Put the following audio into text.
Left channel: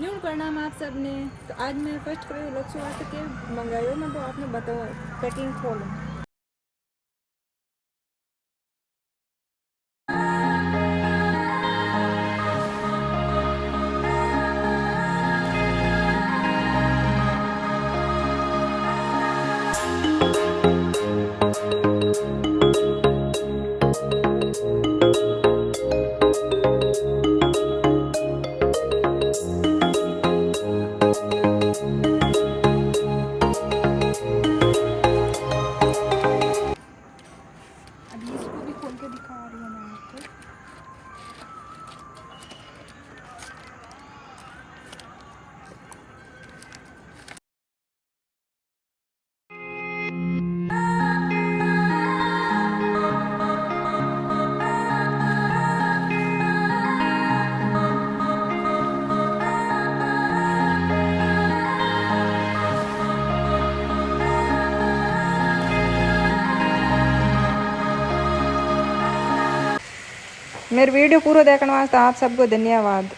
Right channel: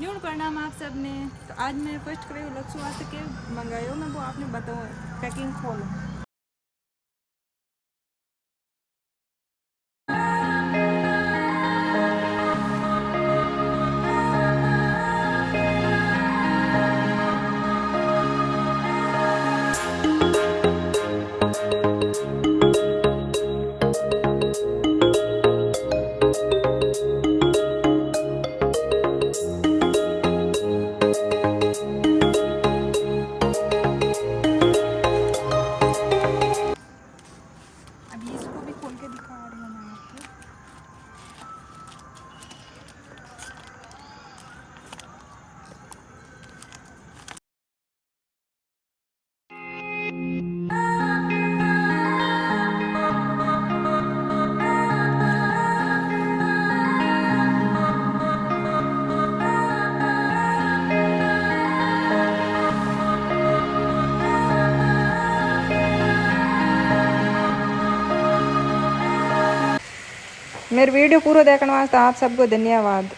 न्यून प्रणाम आप सब ने। तो आज मैं फर्स्ट क्राई लोग वास्ते के मंगायो मैं वो आपने बताऊँ पैकिंग खोलूँ। अभी इसको भी खोल के दिखा रही हूँ मैं आपको। मेरे वीडियो पूरा देखने वास्ते आप सबको धन्यवाद।